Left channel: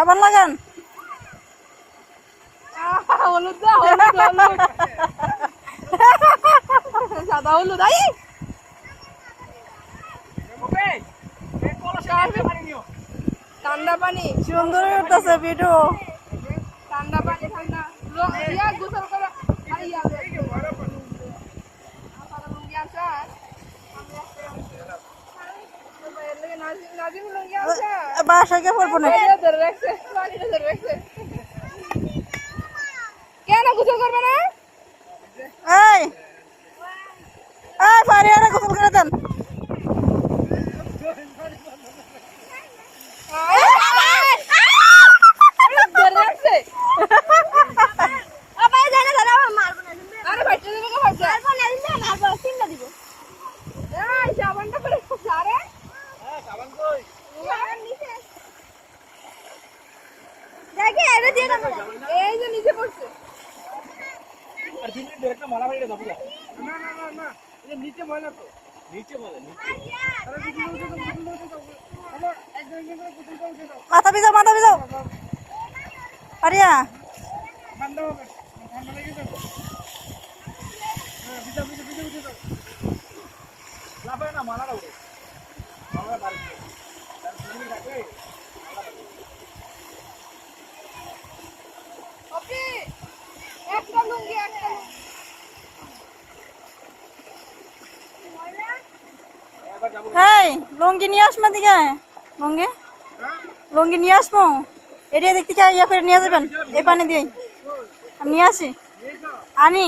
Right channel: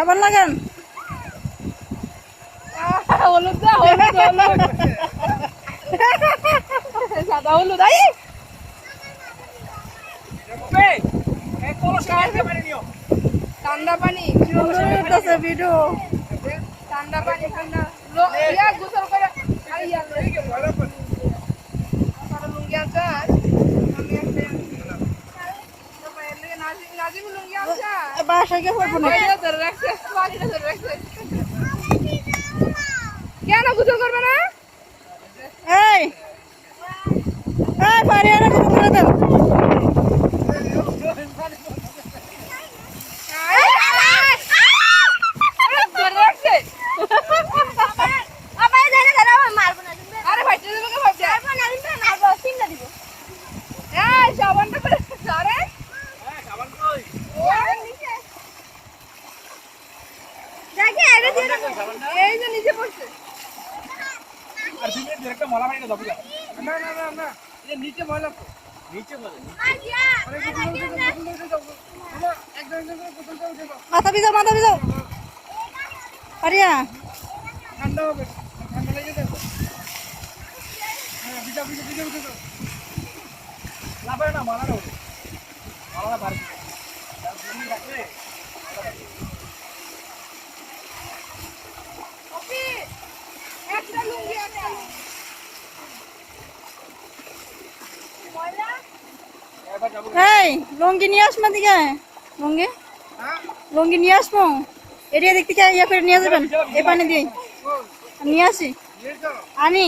সাবান লাগান। হলুদ দাও, হলুদ হলুদ সাদা হলুদ আই ঠান্ডা পানি সুন্দর হইতাছে ভিডিও। ঠান্ডা পানি ঠান্ডা ইয়া গোসল করে আর ইয়া লুঙ্গি আছে নাজিম লুঙ্গি আছে বাসায় গিয়ে পড়বো না। ধরে রাখছে পানিটা ধরে রাখছে কেন গোসল করবে না? এই এই পারিয়ারা গোসল করে দেন। ধরে রাখছে আরে ভাইটা দেবে কে ভাইটা এই সাবানটা করে আরে সাবান কই? এই যে নিচে পড়ছে আর তুমি ডাইরেক্ট মলা বাড়িটা দাও বুঝা। না না না না, এটা নিচে ময়লা তো। নিচে ময়লা। মাথা ভিজাও, মাথা ভিজাও। পারিয়া ঠান্ডা হবে, ঠান্ডা লেগে যাবে। হ্যাঁ, ভিজা ভিজা ভিজা ভিজা দাও। লাভে না মলা দাও। মলা বার করে। তুমি রাখলে ওকে একটা লুঙ্গি এবার যাবো। এই লুঙ্গি নিয়ে আসমা দিকে লুঙ্গি লুঙ্গি নিয়ে আসমো এরিয়া দেখতে ইয়া করে নিয়ে যাবেন এই পানি দিয়ে আমি নিয়ে আসি এই তো আনি